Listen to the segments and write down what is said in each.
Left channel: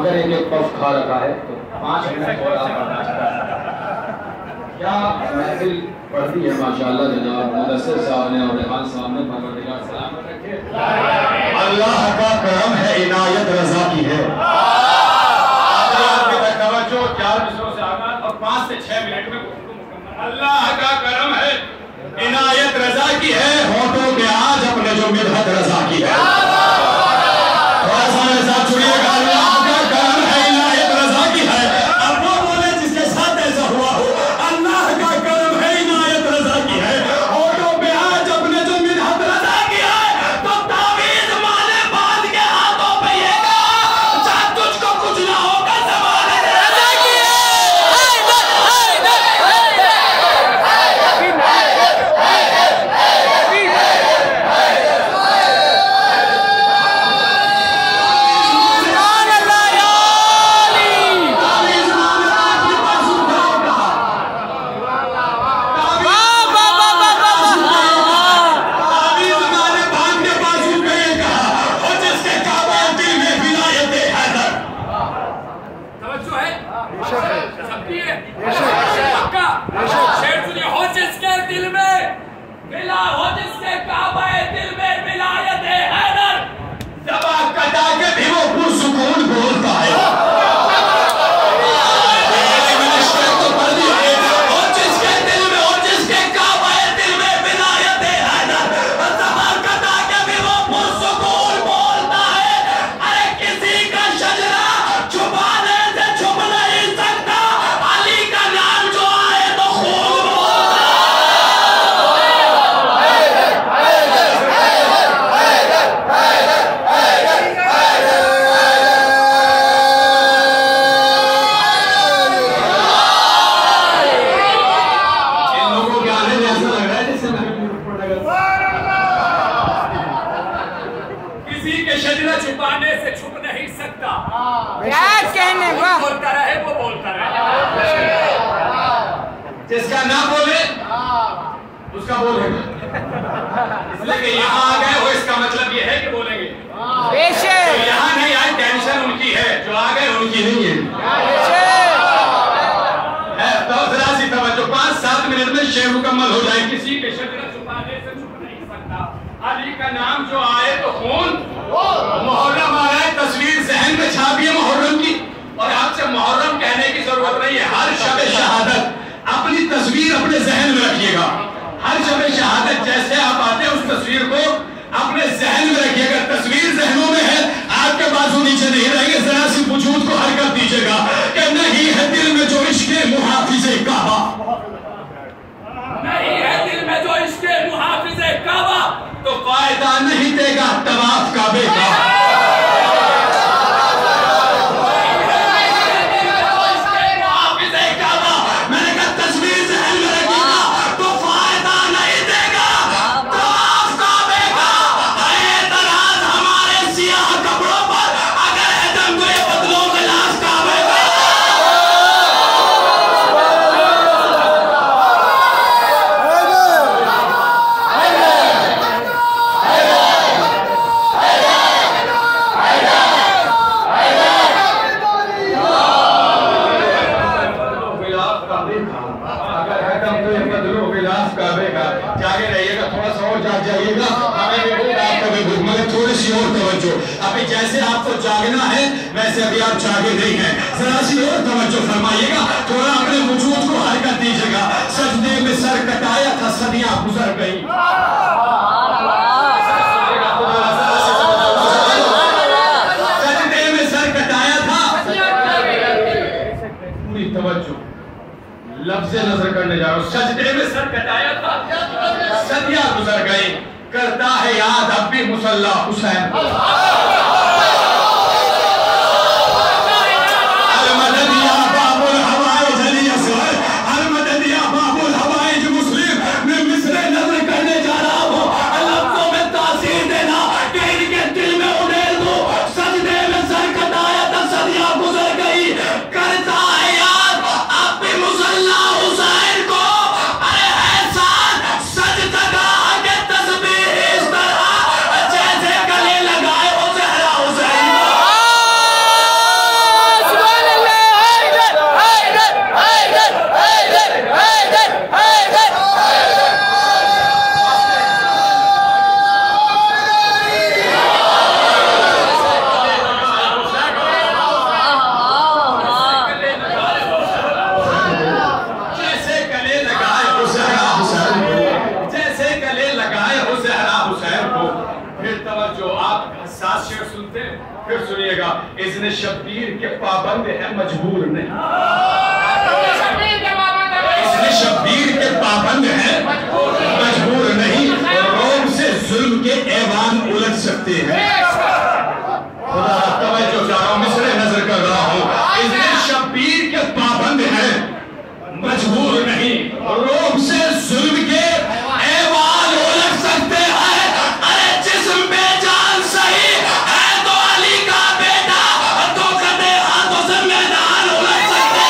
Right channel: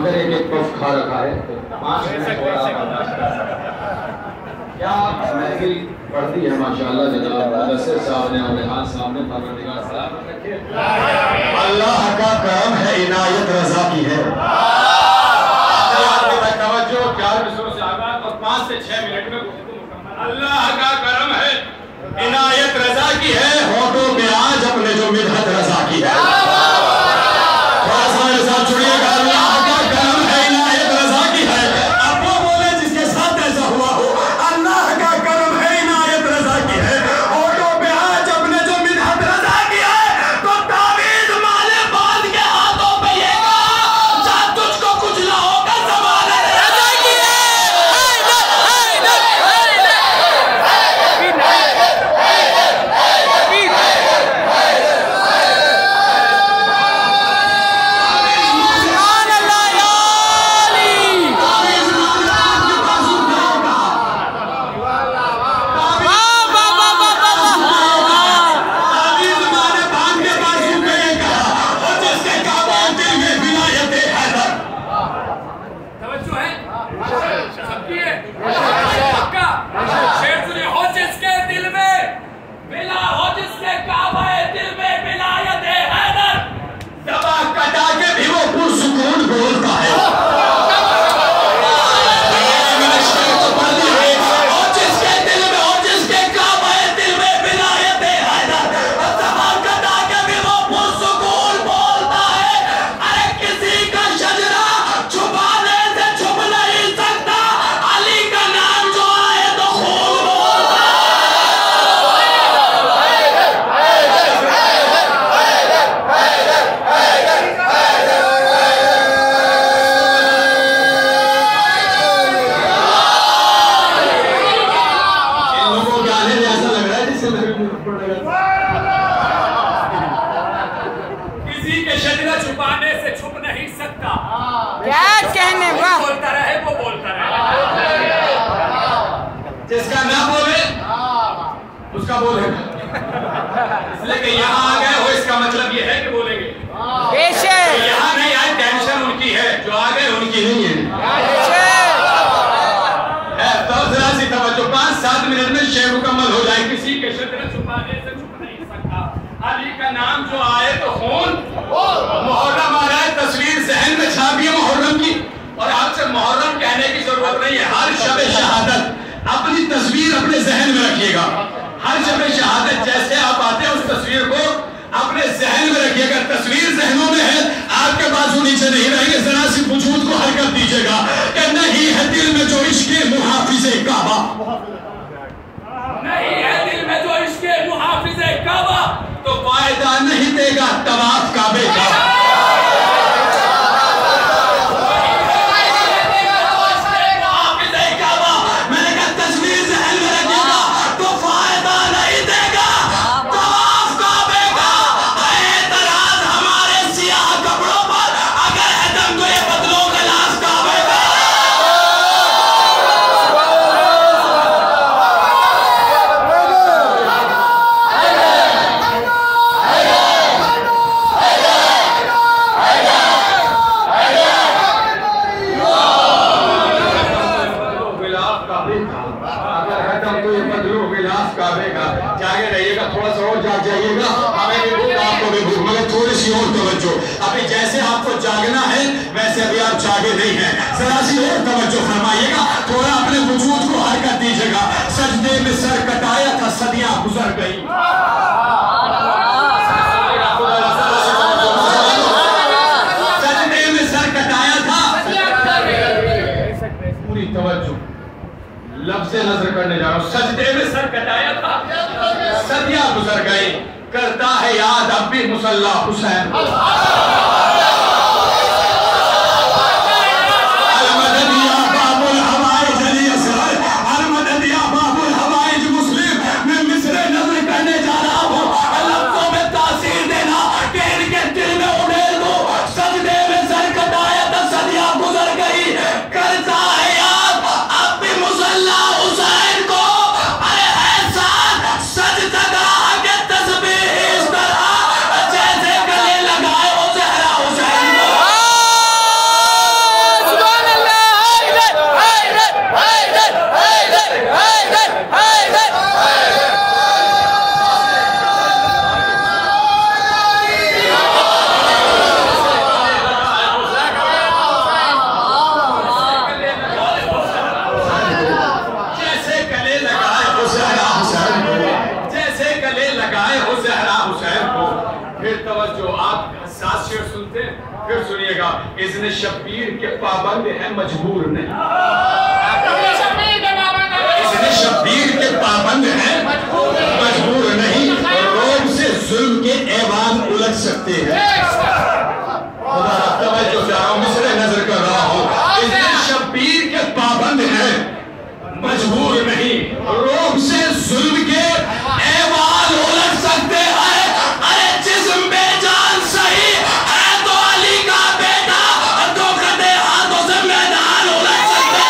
مگر ایک ایک پف کھا رکھا ہے تو 5 منٹ اور آپ برداشت کر سکتے ہیں. کیا محفل پڑھتی ہے ماشاءاللہ جناب مدثر صاحب نے اور ریحان صاحب نے. پروردگار سلامت رکھے. اللہ کا کرم ہے عنایت رضا کی ہے. توجہ 4 مصروں سے آغاز اور 5 سے 6 منٹ میں گفتگو مکمل. اللہ کا کرم ہے عنایت رضا کی ہے ہونٹوں پہ آج اپنے جو مدحت رضا کی ہے. تھوڑا سا میرے ساتھ چھوڑیے گا. اللہ کا کرم ہے عنایت رضا کی ہے. اب وہ بولے جس کے ساتھ ایسا ہوا ہو. اللہ کا کرم ہے عنایت رضا کی ہے ہونٹوں پہ آج اپنے جو مدحت رضا کی ہے. تو تعویذ مالے بعد کے ہاتھوں پہ یہ گا جب تجھ کو کچھ نہ ہوگا ضمانت رضا کی ہے. کسی کے شجرہ چھپانے سے چھپ نہیں سکتا. کیا کہنے با بولتا رہے وہ بولتا رہے. جس کا نہ بولے اس کا بولے گا. اس لیے کہ یہاں آ گئے ہو اس کا مطلب یہ ہے کہ بولیں گے. بے شک یہاں نہیں آئی ٹینشن ان کی ہے جو آ گئے ان کی نہیں ہے. بے شک تو ذرا سی توجہ 5-7 منٹ میں شے مکمل ہو جائے. کسی کے شجرہ چھپانے سے چھپ نہیں سکتا. علی کا نام جو آئے تو خون. محرم آ رہا ہے تصویر ذہن میں چھاپی ہے محرم کی. اور آپ سے محرم کہنے کی ضرورت نہیں ہے. ہر شب شہادت اپنی تصویر اپنے ذہن میں رکھیے گا. ہر شب شہادت جیسے آپ آتے ہیں اس تصویر کو اپنے ذہن میں رکھیے گا. تصویر ذہنوں میں ہے آپ کے بازو نیچے نہیں رہیں گے. ذرا سی وجود کو حرکت دیجیے گا کہ نہیں ہے دل میں جو عشق محافظ کعبہ. نہیں ہے دل میں جو عشق محافظ کعبہ تو فائدہ نہیں دے گا طواف کعبے کا. جاگے رہیے گا. تھوڑا سا اور جاگ جائیے گا. ہمیں بھی بھوک آپ کو بھی بھوک مگر تھوڑی سی اور توجہ. ابھی جیسے آپ کو جاگنا ہے ویسے ابھی آپ جاگے نہیں ہیں. ذرا سی اور توجہ فرمائیے گا. تھوڑا اپنے وجود کو حرکت دیجیے گا. سجدے میں سر کٹایا تھا صدیاں گزر گئی. سجدے میں سر کٹایا تھا. پوری توجہ لفظ نظر کرنے جا رہا ہوں. سجدے میں سر کٹایا تھا صدیاں گزر گئی. کرتا ہے یاد اب بھی مصلی حسین. المدد یا باب الحوائج علی اصغر. المدد یا باب الحوائج مسلم. میں مصر نظر کرنے جا رہا ہوں. لفظوں میں تاثیر دینا کہ ان کے دل میں اڑیل دو. سجدے میں سر کٹایا تھا صدیاں گزر گئی. کرتا ہے یاد اب بھی مصلی حسین کو. ارے احسان سجدگاہ کے تسبیح اس طرح جیسے گلے لگائے ہو زہرا پھر سنیے گا اذن شبیر کے پابند ہے مجبور نہیں. اذن شبیر کے پابند ہے مجبور نہیں. روم سے ظلم کے ایوان الٹ سکتے ہیں. خدا توجہ چاہ رہا ہوں مصرے نظر کر رہا ہوں. اذن شبیر کے پابند ہیں مجبور نہیں. روم سے ظلم کے ایوان الٹ سکتے ہیں. ارے جسم بے جان صحیح ہے تو علی کا بیٹا تو کدے ہاتھوں سے میدان الٹ سکتے ہیں.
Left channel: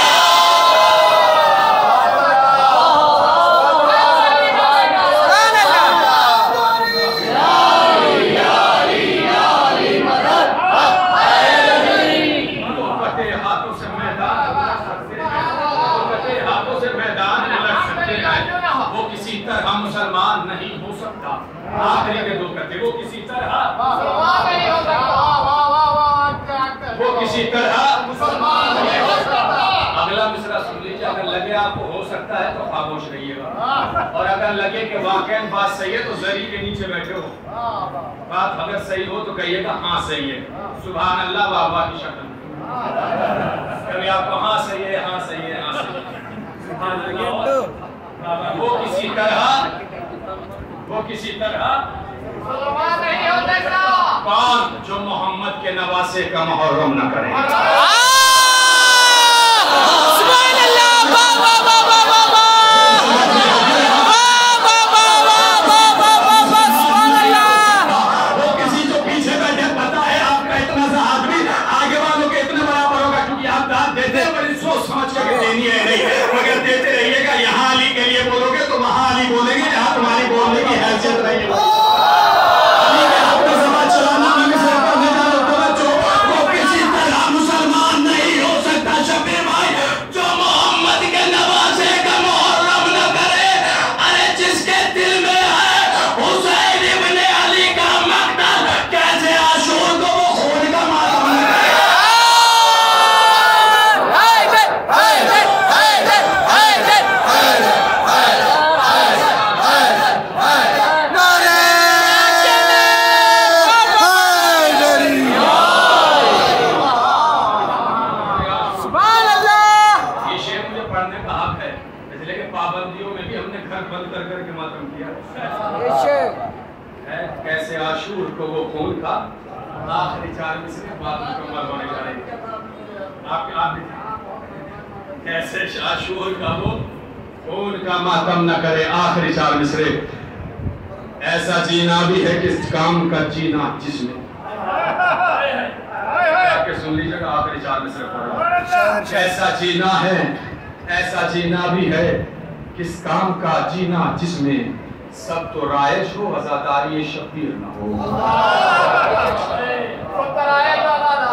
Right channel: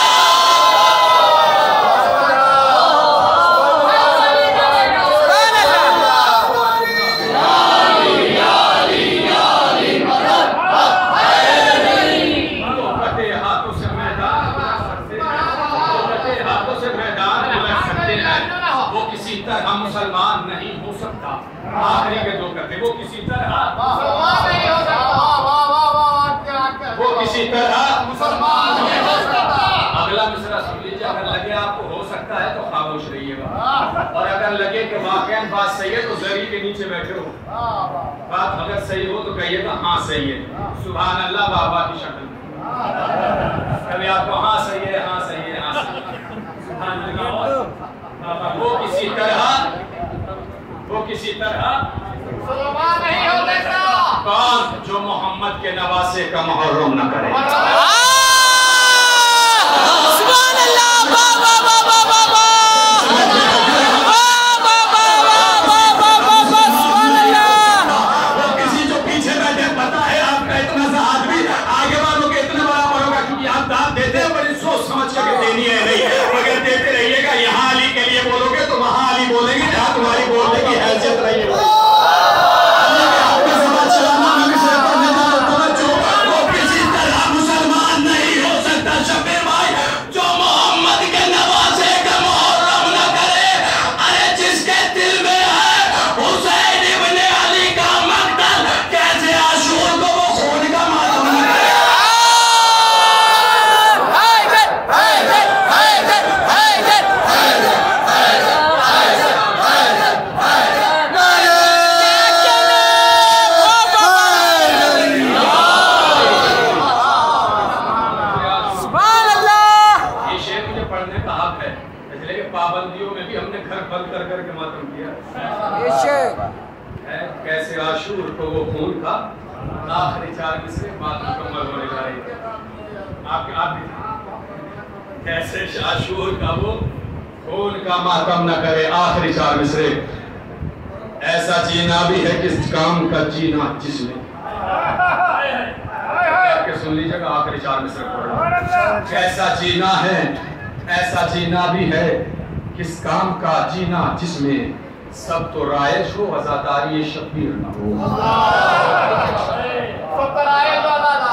وہ کسی طرح مسلمان نہیں ہو سکتا. آخری کے دو کہتے وہ کسی طرح مسلمان نہیں ہو سکتا. وہ کسی طرح مسلمان نہیں ہو سکتا. اگلا مصرع سن لیجیے. اگر لگے آپ کو ہو سکتا ہے تو خاموش رہیے گا, اور اگر لگے کہ واقعاً بات صحیح ہے تو زری کے نیچے بیٹھے ہو. بات اگر صحیح ہو تو کہیے گا ہاں صحیح ہے. سبحان اللہ بابا کی شکل کبھی آپ کو ہاں صحیح ہے ہاں صحیح ہے ہاں صحیح ہے. سبحان اللہ. وہ کسی طرح مسلمان نہیں ہو سکتا. کون جو محمد کے نواسے کا محرم نہ کرے. سبحان اللہ. واہ واہ واہ واہ واہ واہ. سبحان اللہ. وہ کسی جو پیچھے بیٹھے پتا ہے آپ کا اتنا سا آدمی آگے والوں کے اتنا برابر ہوگا, کیونکہ آپ داد دیتے ہیں بڑی سوچ سمجھ کے دینی ہے نہیں, مگر دیتے رہیے گا. یہاں علی کے لیے بولو گے تو وہاں علی بولیں گے جہاں تمہاری بولنے کی حیثیت رہی ہے. علی کے حق میں سمجھ چلانا میں سے پڑھنے جانا توجہ. وہ کسی طرح مسلمان نہیں ہو سکتا شبیر بھائی جو محمد کے نواسے کا محرم نہ کرے. ارے جس کے دل میں ہے حسین ابن علی کا مقتل, کیسے عاشور کو وہ خون کا ماتم نہ کرے. پابندیوں میں بھی ہم نے گھر بند کر کر کے ماتم کیا. کیسے عاشور کو وہ خون کا. آخری 4 مصرے بات مکمل ہونے جا رہی ہے. آپ کیسے عاشور کا وہ خون کا ماتم نہ کرے. آخری 4 مصرے. ایسا جینا بھی ہے کس کام کا جینا جس میں. سن لیجیے گا آخری 4 مصرے پڑھو. ایسا جینا ہے ایسا جینا بھی ہے کس کام کا جینا جس میں سب تو رائج ہو عزاداری شبیر نہ ہو.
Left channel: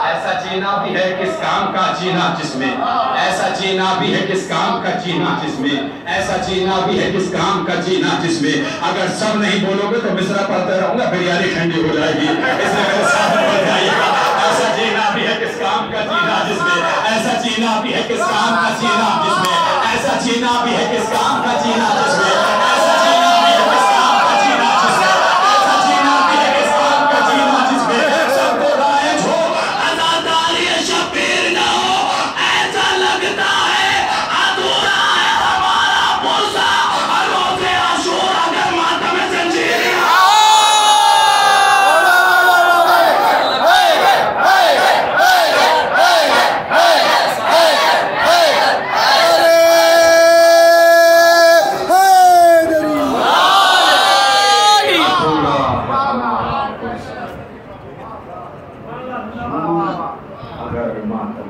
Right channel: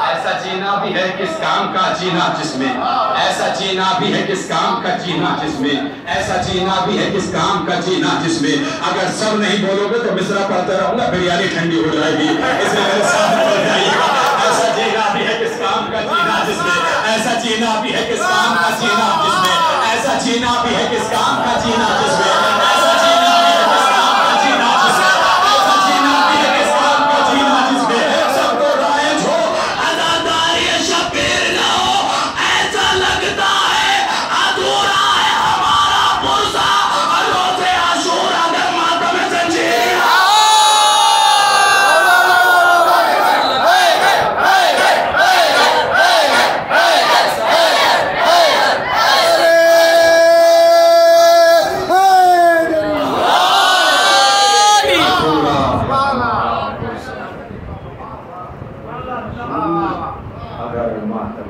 ایسا جینا بھی ہے کس کام کا جینا جس میں. ایسا جینا بھی ہے کس کام کا جینا جس میں. ایسا جینا بھی ہے کس کام کا جینا جس میں. اگر سب نہیں بولو گے تو مصرع پڑھتے رہوں گا, بریانی ٹھنڈی ہو جائے گی. اس لیے میرے ساتھ پڑھ جائیے گا. ایسا جینا بھی ہے کس کام کا جینا جس میں. ایسا جینا بھی ہے کس کام کا جینا جس میں. ایسا جینا بھی ہے کس کام کا جینا جس میں. ایسا جینا بھی ہے کس کام کا جینا جس میں. ایسا جینا بھی ہے کس کام کا جینا جس میں سب کو رائج ہو عزاداری شبیر نہ ہو. ایسا لگتا ہے ادھورا ہے ہمارا پرسا روز عاشور اگر ماتم زنجیر. اگر ماتم